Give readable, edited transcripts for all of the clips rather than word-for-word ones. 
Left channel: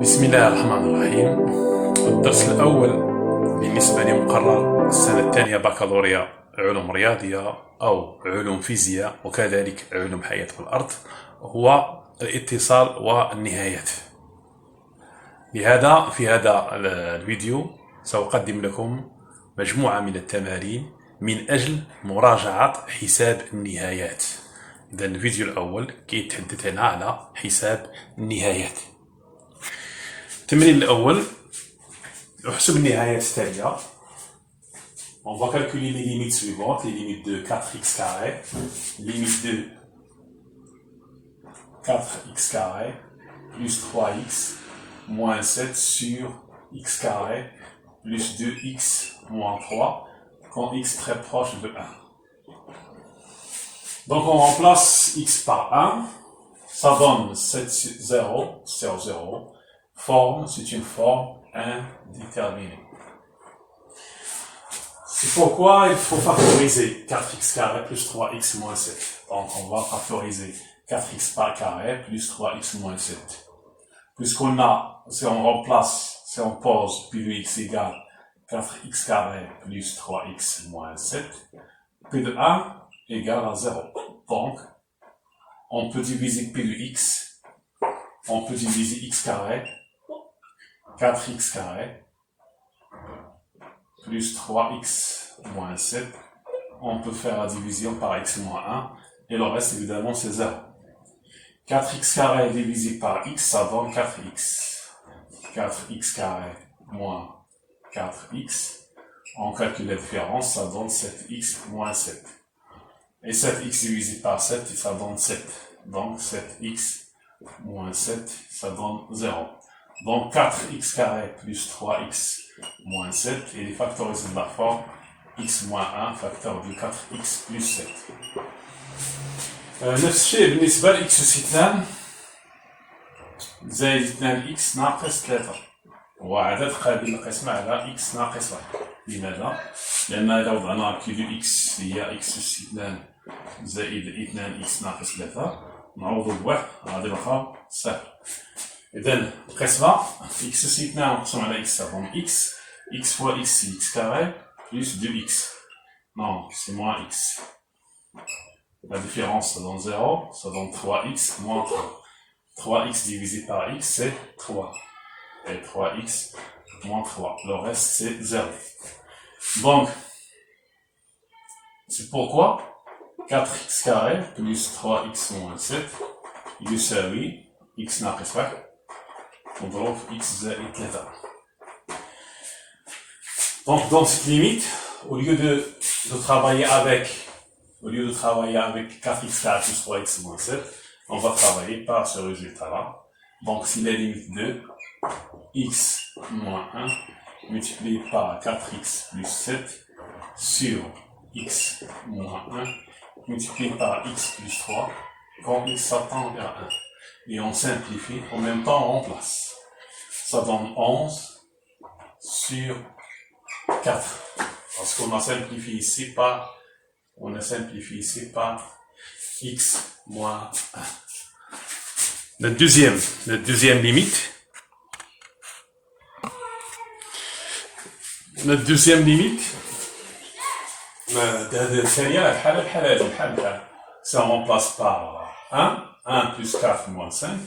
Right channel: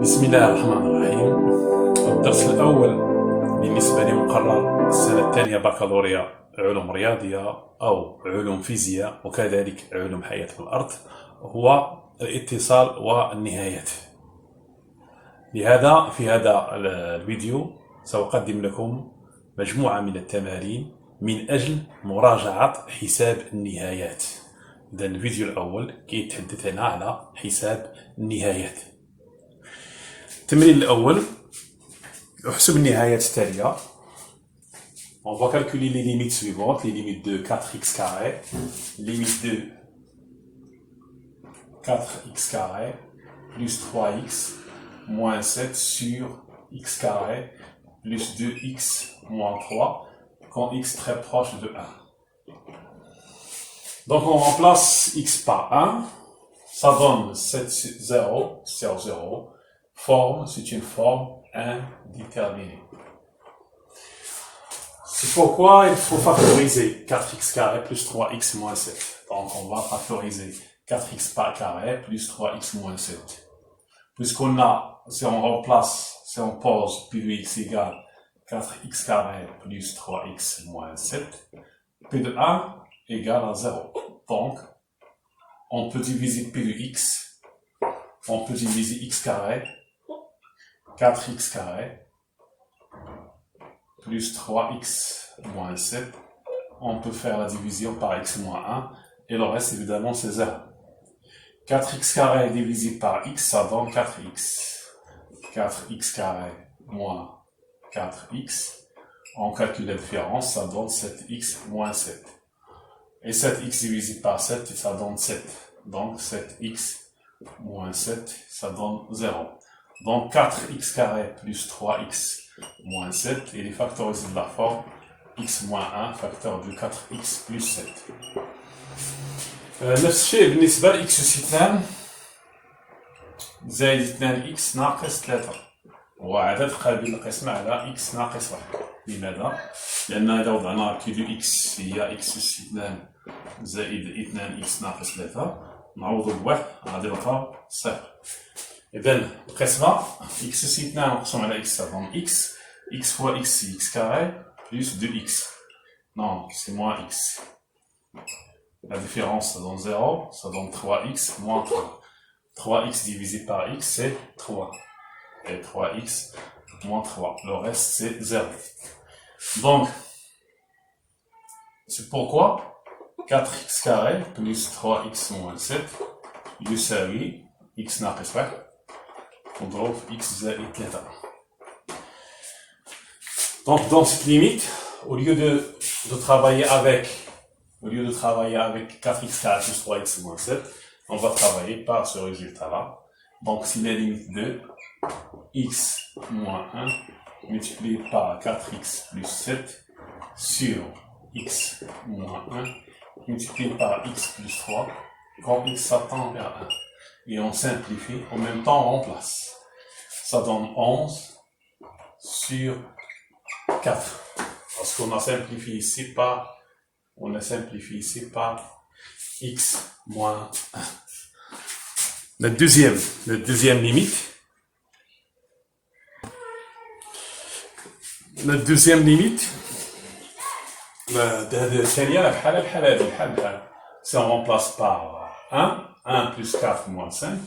بسم الله الرحمن الرحيم. الدرس الأول بالنسبة لمقرر السنة الثانية بكالوريا علوم رياضية أو علوم فيزياء وكذلك علوم حياة الأرض هو الاتصال والنهايات. لهذا في هذا الفيديو سأقدم لكم مجموعة من التمارين من أجل مراجعة حساب النهايات. إذا الفيديو الأول كيتحدث هنا على حساب النهايات. التمرين الأول احسب النهايات التالية. On va calculer les limites suivantes, les limites de 4x carré, limite de 4x carré plus 3x moins 7 sur x carré plus 2x moins 3 quand x très proche de 1. Donc on remplace x par 1, ça donne 7, 0, 0, 0. Forme, c'est une forme indéterminée. C'est pourquoi il faut factoriser 4x carré plus 3x moins 7. Donc on va factoriser 4x par carré plus 3x moins 7. Puisqu'on a, si on remplace, si on pose P de x égale 4x carré plus 3x moins 7, P de 1 égale à 0. Donc, on peut diviser P de x, on peut diviser x carré, 4x carré plus 3x moins 7, on peut faire la division par x moins 1, et le reste évidemment c'est 0. 4x carré divisé par x, ça donne 4x. 4x carré moins 4x, on calcule la différence, ça donne 7x moins 7. Et 7x divisé par 7, ça donne 7. Donc 7x moins 7, ça donne 0. Donc 4x carré plus 3x moins 7, et les factorisés de la forme x moins 1 facteur de 4x plus 7. نفس الشيء بالنسبة ل x أس 2 زائد 2x ناقص 3 هو عدد قابل للقسمة على x ناقص 1. لماذا؟ لأن إذا وضعنا كي دو x هي x أس 2 زائد 2x ناقص 3 نعوضو بواحد غادي نلقاو صفر. إذا القسمة x أس 2 نقسم على x donc x fois x c'est x carré plus 2x. Non, c'est moins x. La différence ça donne 0, ça donne 3x moins 3. 3x divisé par x c'est 3. Et 3x moins 3. Le reste c'est 0. Donc, c'est pourquoi 4x carré plus 3x moins 7 يساوي x ناقص 1 نضرب في x زائد 3. Donc dans cette limite, au lieu de travailler avec 4x carré plus 3x moins 7, on va travailler par ce résultat-là. Donc si la limite de x moins 1 multiplié par 4x plus 7 sur x moins 1 multiplié par x plus 3 quand x s'attend vers 1. Et on simplifie, en même temps on remplace. Ça donne 11 sur 4. Parce qu'on a simplifié ici par x moins 1. La deuxième limite. La deuxième limite. Si on remplace par 1 plus 4 moins 5,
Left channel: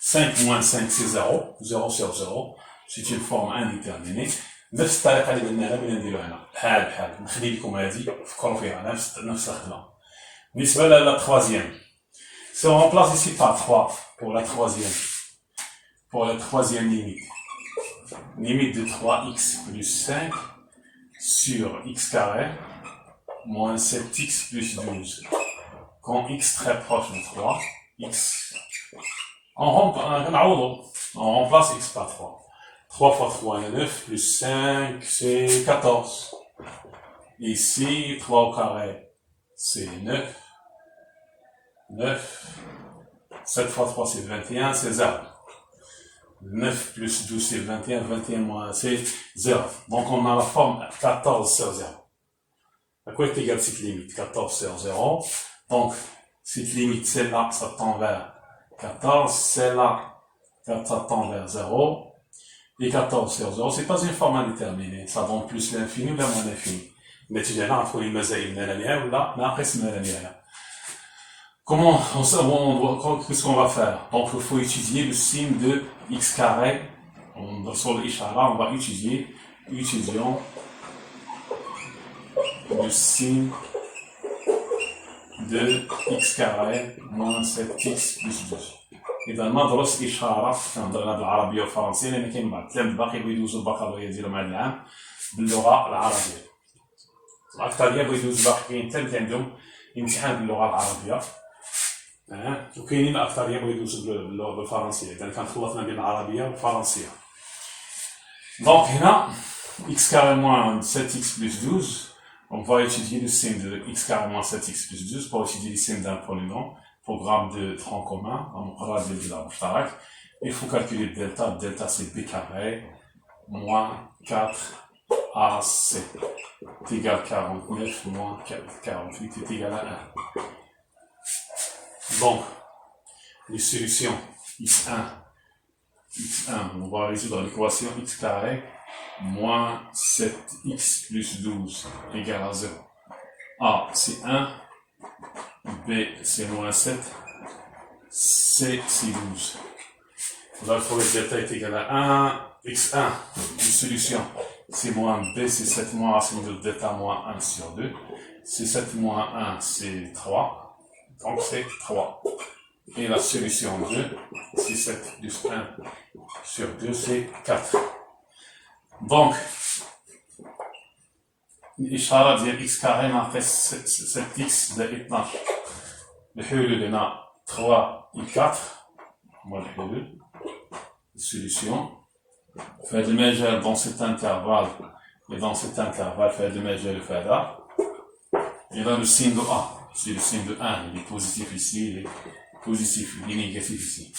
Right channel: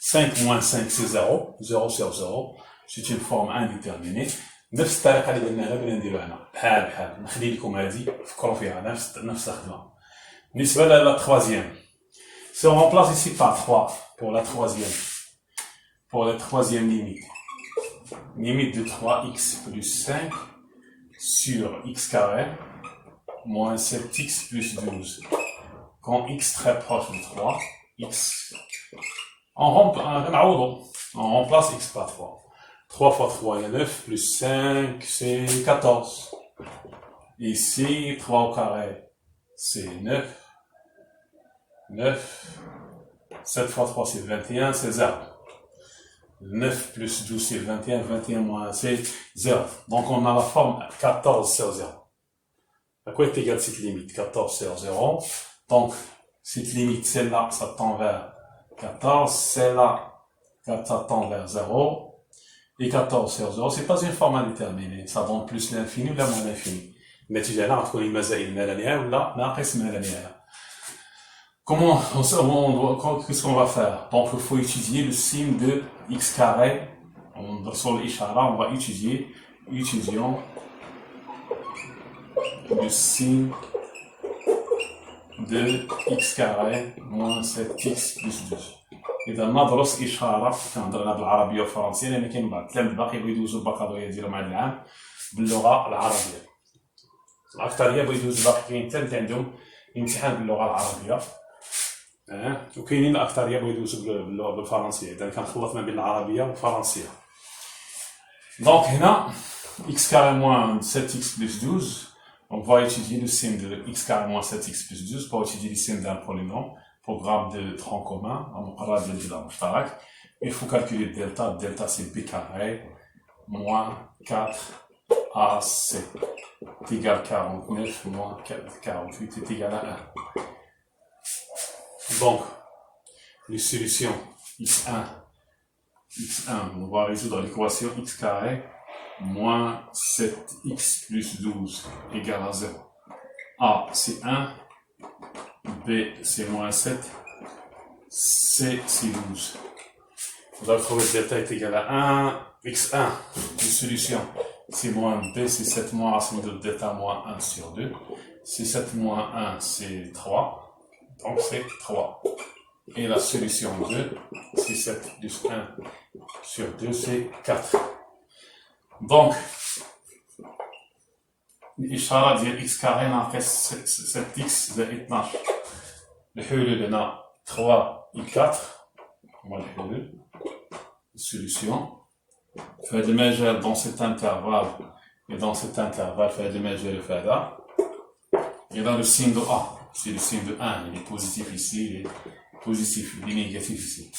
5 moins 5 c'est 0, 0 sur 0, c'est une forme indéterminée. نفس الطريقة اللي قلناها بغينا نديرو هنا بحال نخلي لكم هذه فكروا فيها نفس الخدمة. بالنسبة لا troisième, si on remplace ici par 3 pour la troisième limite de 3x plus 5 sur x carré moins 7x plus 12. Quand x très proche de 3, x, on remplace x par 3. 3 fois 3 est 9, plus 5 c'est 14. Ici, 3 au carré c'est 9. 7 fois 3 c'est 21, c'est 0. 9 plus 12 c'est 21, 21 moins c'est 0. Donc on a la forme 14 sur 0. À quoi est égale cette limite? 14 sur 0. Donc cette limite, celle-là, ça tend vers 14, celle-là 4 ça tend vers 0, et 14 sur 0, c'est pas une forme indéterminée, ça donne plus l'infini ou la moins l'infini. النتيجة هنا غتكون إما زائد من لا نهاية ولا ناقص من لا نهاية. Comment, qu'est-ce qu'on va faire? Donc il faut étudier le signe de x carré. Sur l'ishara, on va étudions le signe de x carré moins 7x plus 12. إذا ندرس إشارة كنهضر بالعربية والفرنسية لأن كاين بعض التلاميذ باقي بغاو يدوزو البكالوريا ديالهم هذا العام باللغة العربية. الأكثرية بغاو يدوزو باقي كاين حتى اللي عندهم امتحان باللغة العربية. وكاينين الأكثرية بغاو يدوزو بالفرنسية، إذا كان خلطنا بين العربية والفرنسية. Donc هنا x carré moins 7x plus 12, on va étudier le signe de x carré moins 7x plus 12 pour étudier le signe d'un polynôme, programme de tronc commun, il faut calculer delta, delta c'est b carré moins 4ac est égal à 49 moins 48 est égal à 1. Donc, les solutions x1, on va résoudre l'équation x carré moins 7x plus 12 égale à 0. A c'est 1, B c'est moins 7, C c'est 12. On va trouver que delta est égal à 1, x1, une solution, c'est moins B c'est 7 moins racine de delta moins 1 sur 2, c'est 7 moins 1 c'est 3, donc c'est 3. Et la solution 2, c'est 7 plus 1 sur 2, c'est 4. Donc, الإشارة ديال x carré ناقص 7x زائد 12. الحلول هنا 3 et 4 هما الحلول السوليسيون. في هذا المجال dans cet intervalle et dans cet intervalle في هذا المجال وفي هذا. Et dans le signe de A, c'est le signe de 1, il est positif ici, il est positif, il est négatif ici.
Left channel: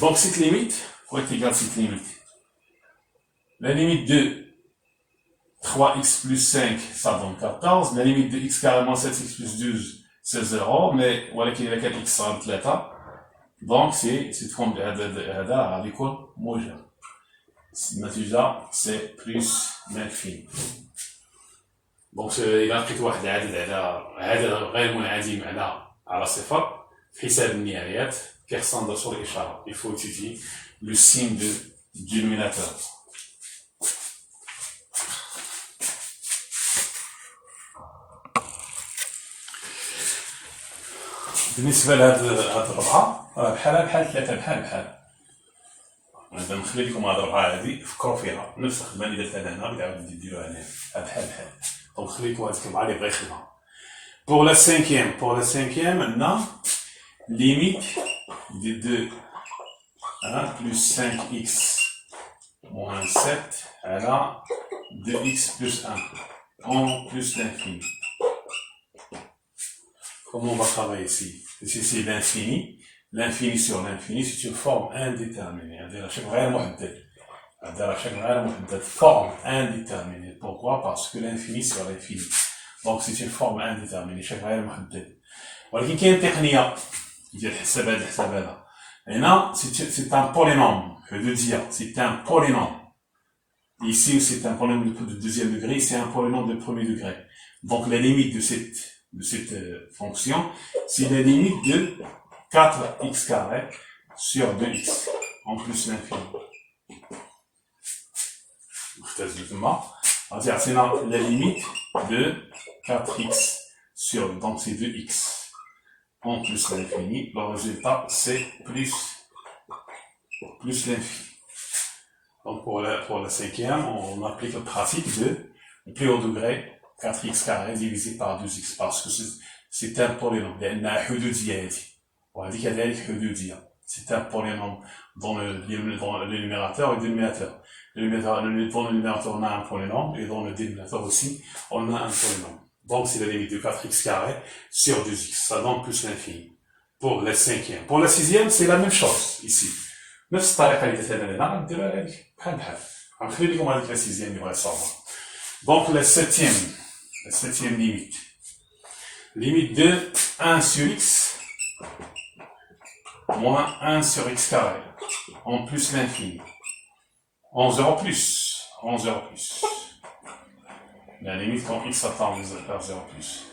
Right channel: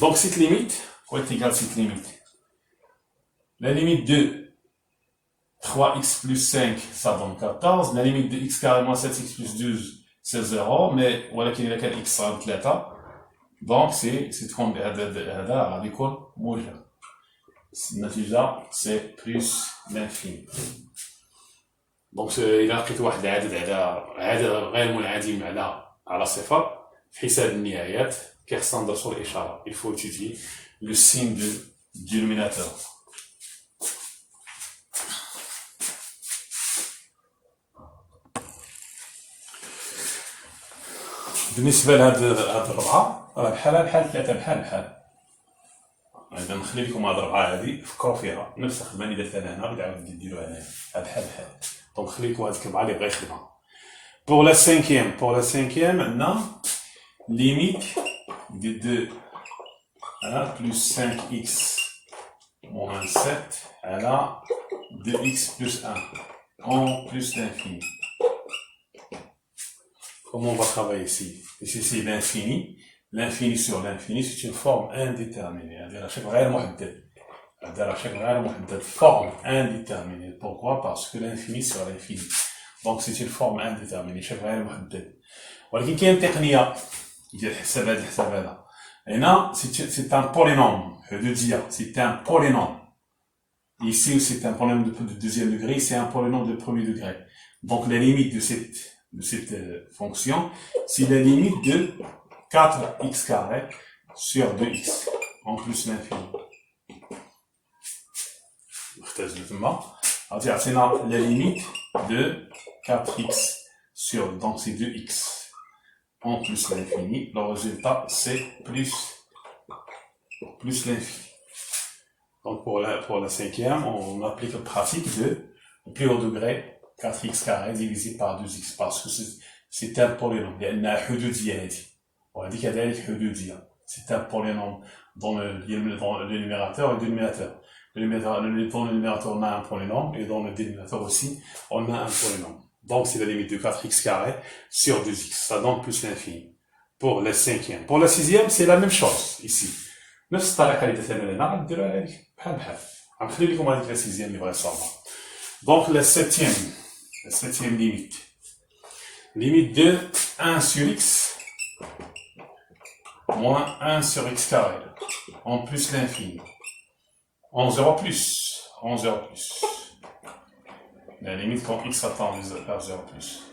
Donc cette limite, faut être égal à cette limite. La limite de 3x plus 5, ça donne 14. La limite de x carré moins 7x plus 12, c'est 0. Mais voilà qu'il y a x صار 3. Donc c'est comme هذا غادي يكون موجب. النتيجة c'est plus l'infini. Donc إلا لقيت واحد العدد هذا غير منعدم على صفر في حساب النهايات كيخصنا ندرسو الإشارة. Il faut étudier le signe du dénominateur. بالنسبة لهاد الربعة راه بحال ثلاثة بحال. غادي نخلي لكم هاد الربعة هادي فكروا فيها، نفس الخدمة اللي درتها أنا هنا غادي ديروها هنايا بحال. دونك نخلي لكم هاديك الربعة اللي بغا يخدمها. Pour la cinquième, عندنا limite de 2 plus 5x moins 7 على 2x plus 1 en plus l'infini. Comment on va travailler ici? Ici c'est l'infini. L'infini sur l'infini, c'est une forme indéterminée. Forme indéterminée. Pourquoi? Parce que l'infini sur l'infini. Donc c'est une forme indéterminée. ولكن كاين تقنية ديال حساب هاد الحساب هذا. هنا c'est un polynôme. C'est un polynôme. Ici c'est un polynôme de deuxième degré, c'est un polynôme de premier degré. Donc la limite de cette fonction, c'est la limite de 4x carré sur 2x en plus l'infini. C'est la limite de 4x sur, donc c'est 2x en plus l'infini. Le résultat c'est plus l'infini. Donc pour la cinquième, on applique le principe de le plus haut degré 4x carré divisé par 2x parce que c'est un polynôme. Il y a حدودية هذه وهذه كذلك حدودية. C'est un polynôme dans le numérateur et le dénominateur. Dans le numérateur on a un polynôme et dans le dénominateur aussi on a un polynôme. Donc c'est la limite de 4x carré sur 2x. Ça donne plus l'infini. Pour la cinquième. Pour la sixième, c'est la même chose ici. نفس الطريقة اللي درتها لنا غنديروها هذيك بحال. غنخلي لكم هذيك la sixième اللي بغا يصاوبها. Donc la septième limite de 1 sur x moins 1 sur x carré, en plus l'infini. En 0 plus, en 0 plus. La limite quand x attend vers 0 plus.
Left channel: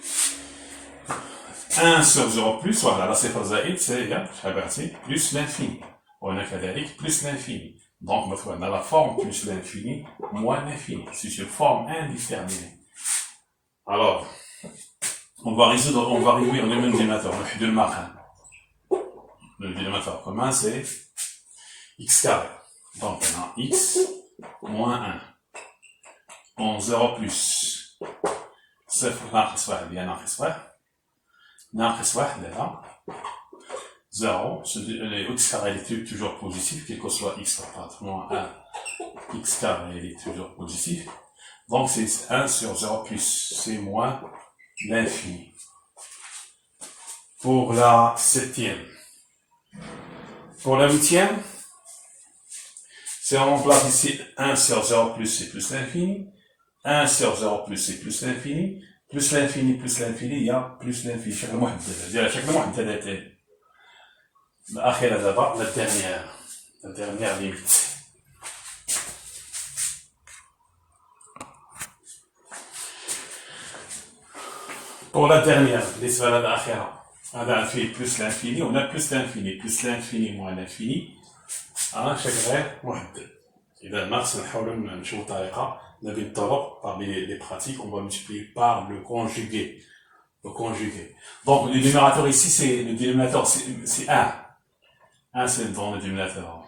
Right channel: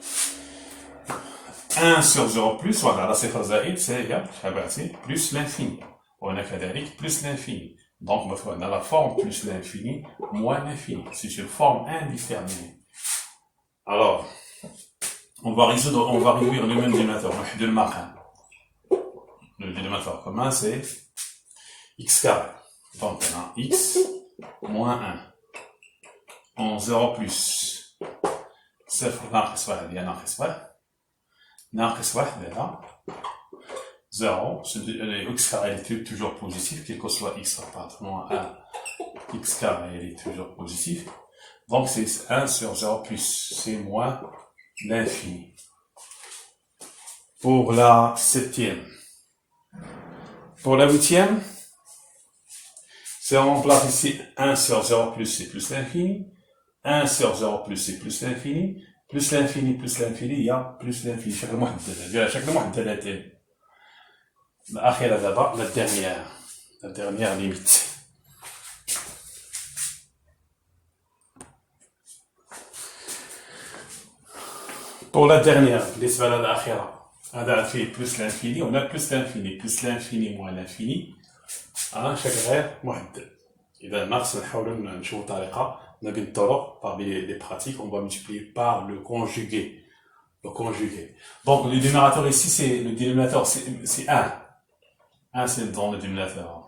1 sur 0 plus, voilà, la صفر زائد, c'est plus l'infini. On a كذلك plus l'infini. Donc, on a la forme plus l'infini, moins l'infini. C'est une forme indéterminée. Alors, on va réduire le même dénominateur, le marquant. Le dénominateur commun, c'est x carré. Donc, on a x moins 1. En 0 plus. صفر ناقص 1 هي ناقص 1. ناقص 1 هنا. 0. Le x carré est toujours positif, quel que soit x par moins 1. X carré est toujours positif. Donc, c'est 1 sur 0 plus. C'est moins l'infini. Pour la 7e. Pour la 8e, c'est on remplace ici 1 sur 0 plus, c'est plus l'infini. 1 sur 0 plus, c'est plus l'infini. Plus l'infini, il y a plus l'infini. شكل محدد. شكل محدد. الأخيرة دابا la dernière limite. Pour la dernière, بالنسبة للأخيرة. هذا فيه plus l'infini, on a plus l'infini moins l'infini. أنا شكل غير محدد. إذا ناقص نحاولوا نشوفوا طريقة ما بين الطرق parmi les pratiques, on va multiplier par le conjugué. Le conjugué. Donc le dénominateur ici, c'est 1. 1 c'est dans le dénominateur.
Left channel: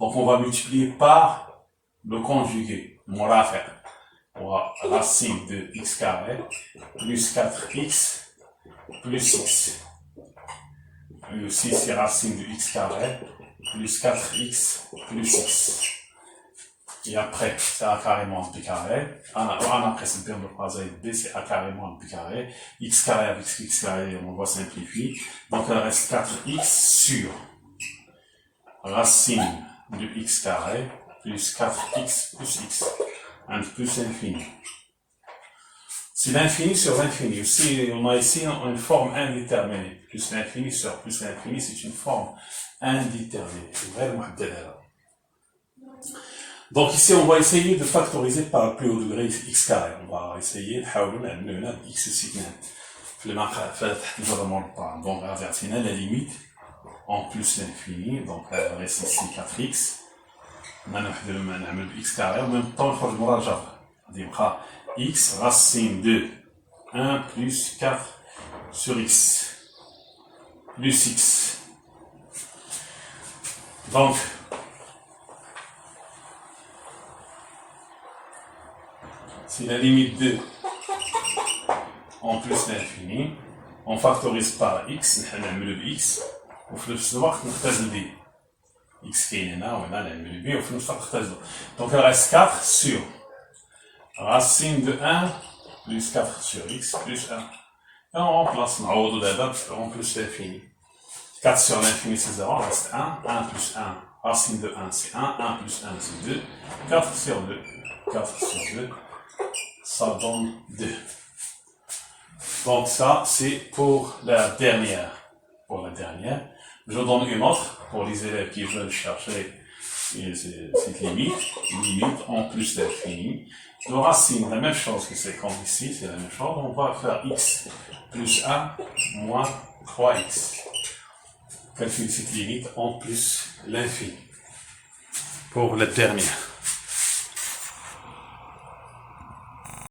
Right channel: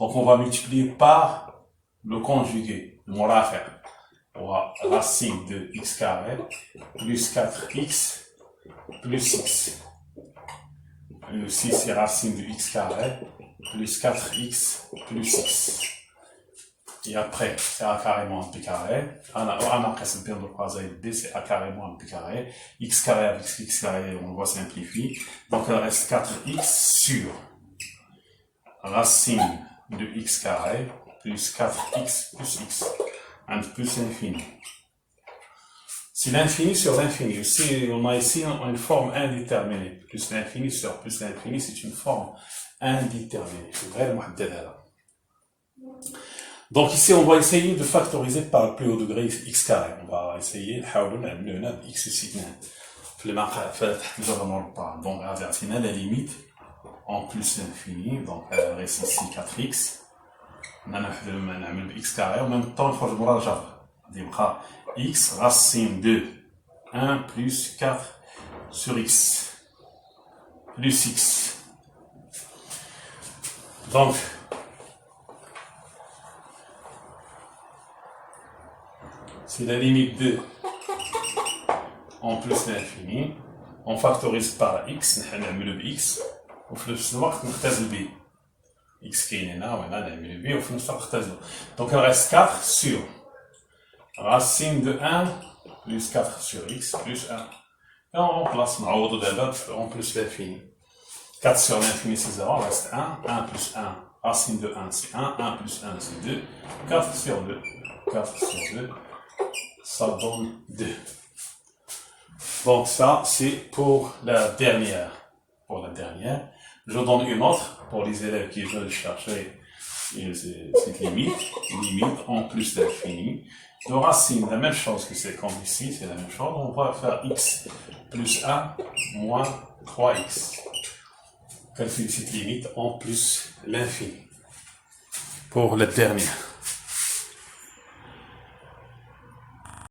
Donc on va multiplier par le conjugué, le murafi'. On va racine de x carré plus 4x plus x. Le 6 c'est racine de x carré plus 4x plus x. Et après, c'est a carré moins b carré. Après, c'est le terme de phrase b, c'est a carré moins b carré. X carré avec x carré, on va simplifier. Donc, il reste 4x sur racine de x carré plus 4x plus x. Un plus l'infini. C'est l'infini sur l'infini. Aussi, on a ici une forme indéterminée. Plus l'infini sur plus l'infini, c'est une forme indéterminée. C'est vraiment محددة. Donc ici, on va essayer de factoriser par le plus haut degré x carré. On va essayer نحاولوا نعملوا هنا x أس 2 في المقام تحت الجبر مربع. Donc عطينا la limite en plus l'infini. Donc reste ici 4x. نعمل x carré en même temps نخرج برا الجبر. غادي يبقى x racine de 1 plus 4 sur x plus x. Donc c'est la limite de en plus l'infini. On factorise par x, نعملو ب x, وفي نفس الوقت نختزل ب x كاين هنا وهنا نعملو ب وفي نفس الوقت نختزلو. Donc il reste 4 sur racine de 1 plus 4 sur x plus 1. Et on remplace نعوضو دابا en plus l'infini. 4 sur l'infini c'est 0, il reste 1, 1 plus 1, racine de 1 c'est 1, 1 plus 1 c'est 2, 4 sur 2, 4 sur 2. Ça donne 2. Donc ça, c'est pour la dernière. Je donne une autre pour les élèves qui veulent chercher cette limite en plus d'infini. De racine, la même chose que c'est comme ici, c'est la même chose. On va faire x plus 1 moins 3x. Calculer cette limite en plus l'infini. Pour la dernière.